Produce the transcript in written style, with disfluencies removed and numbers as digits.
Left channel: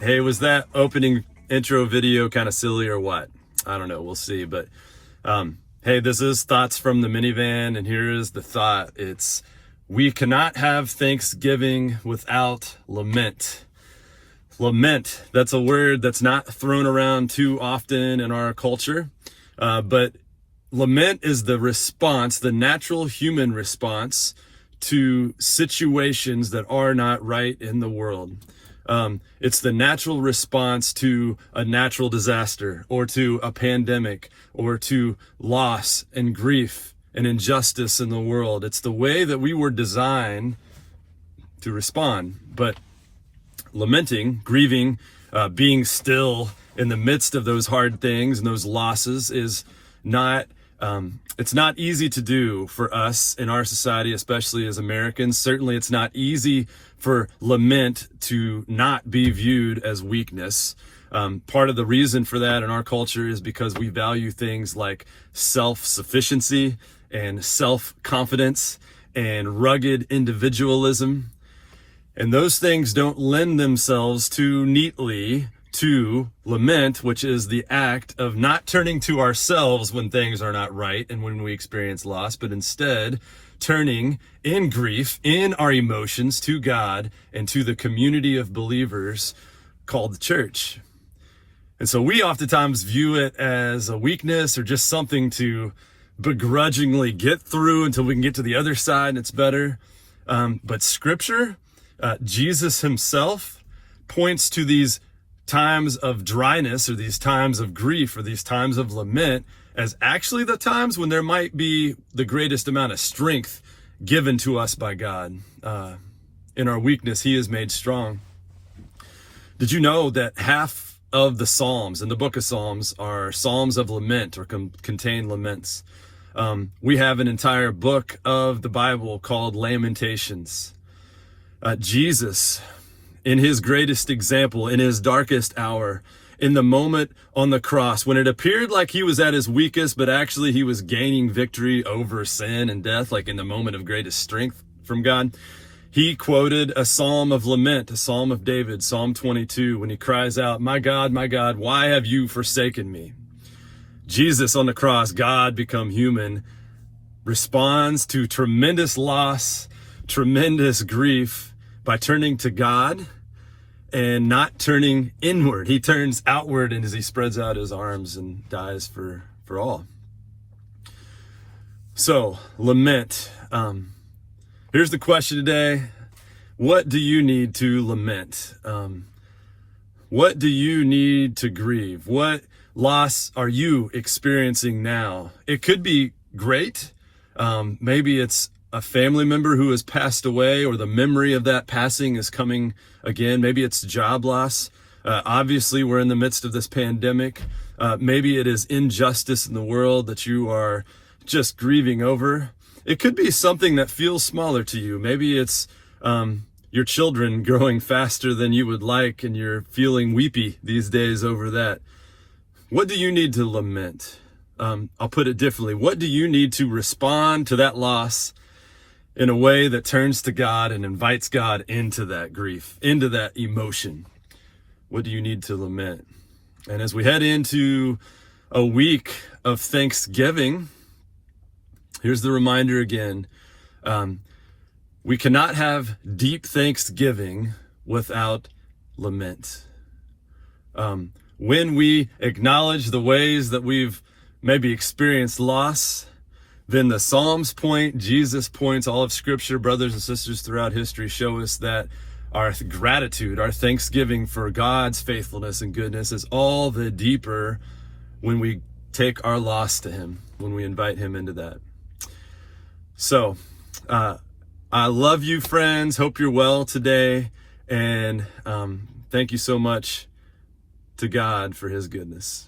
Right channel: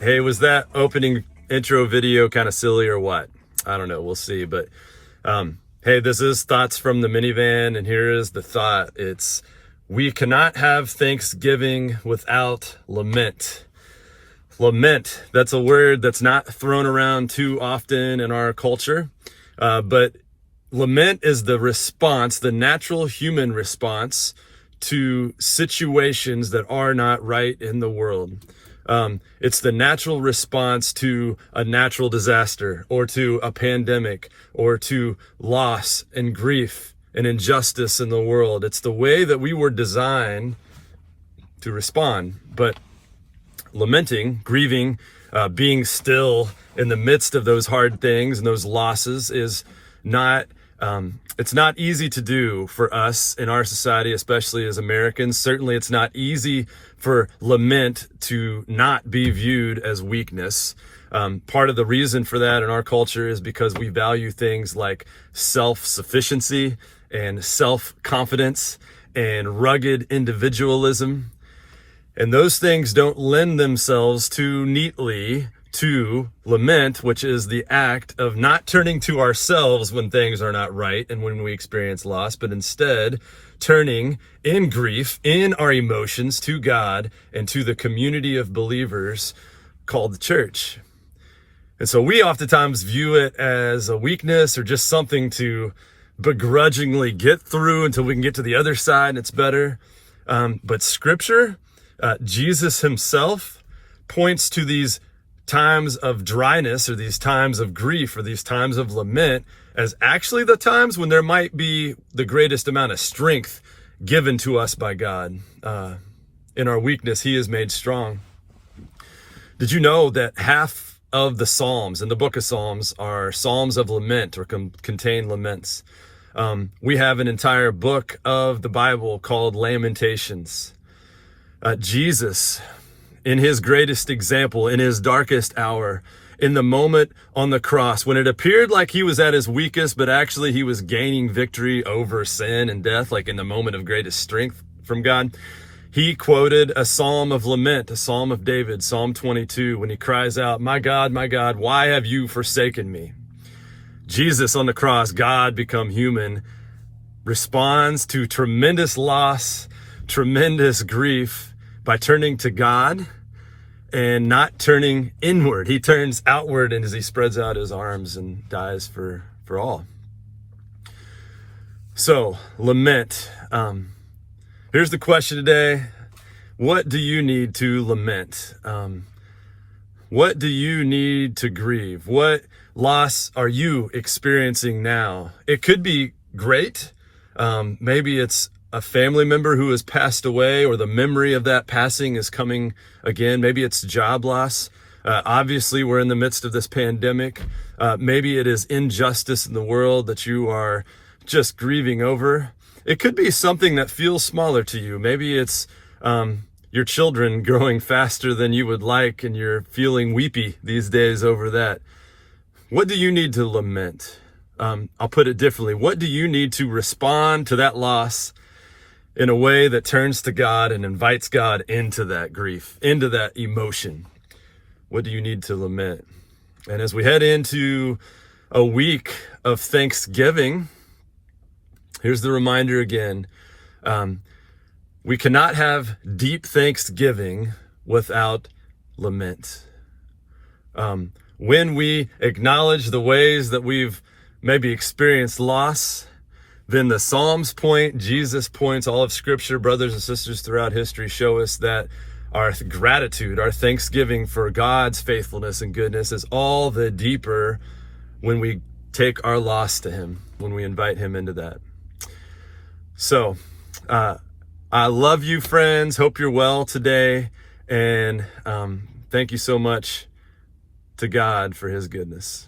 Hey, was that opening intro video kind of silly or what? I don't know. We'll see. But hey, this is Thoughts from the Minivan, and here is the thought. It's we cannot have Thanksgiving without lament. Lament, that's a word that's not thrown around too often in our culture, but lament is the response, the natural human response to situations that are not right in the world. It's the natural response to a natural disaster or to a pandemic or to loss and grief and injustice in the world. It's the way that we were designed to respond. But lamenting, grieving, being still in the midst of those hard things and those losses is not, it's not easy to do for us in our society, especially as Americans. Certainly it's not easy for lament to not be viewed as weakness. Part of the reason for that in our culture is because we value things like self-sufficiency and self-confidence and rugged individualism. And those things don't lend themselves too neatly to lament, which is the act of not turning to ourselves when things are not right and when we experience loss, but instead turning in grief, in our emotions, to God and to the community of believers called the church. And so we oftentimes view it as a weakness or just something to begrudgingly get through until we can get to the other side and it's better. But Scripture, Jesus himself points to these times of dryness or these times of grief or these times of lament as actually the times when there might be the greatest amount of strength given to us by God. In our weakness, he is made strong. Did you know that half of the Psalms in the book of Psalms are Psalms of lament or contain laments? We have an entire book of the Bible called Lamentations. Jesus, in his greatest example, in his darkest hour, in the moment on the cross, when it appeared like he was at his weakest, but actually he was gaining victory over sin and death, like in the moment of greatest strength from God, he quoted a psalm of lament, a psalm of David, Psalm 22, when he cries out, my God, why have you forsaken me? Jesus on the cross, God become human, responds to tremendous loss, tremendous grief by turning to God and not turning inward. He turns outward and as he spreads out his arms and dies for all. So, lament. Here's the question today. What do you need to lament? What do you need to grieve? What loss are you experiencing now? It could be great. Maybe it's a family member who has passed away or the memory of that passing is coming again. Maybe it's job loss. Obviously, we're in the midst of this pandemic. Maybe it is injustice in the world that you are just grieving over. It could be something that feels smaller to you. Maybe it's your children growing faster than you would like and you're feeling weepy these days over that. What do you need to lament? I'll put it differently. What do you need to respond to that loss in a way that turns to God and invites God into that grief, into that emotion? What do you need to lament? And as we head into a week of Thanksgiving, here's the reminder again. We cannot have deep thanksgiving without lament. When we acknowledge the ways that we've maybe experienced loss, then the Psalms point, Jesus points, all of Scripture, brothers and sisters throughout history show us that our gratitude, our thanksgiving for God's faithfulness and goodness is all the deeper when we take our loss to him, when we invite him into that. So, I love you, friends. Hope you're well today. And thank you so much to God for his goodness.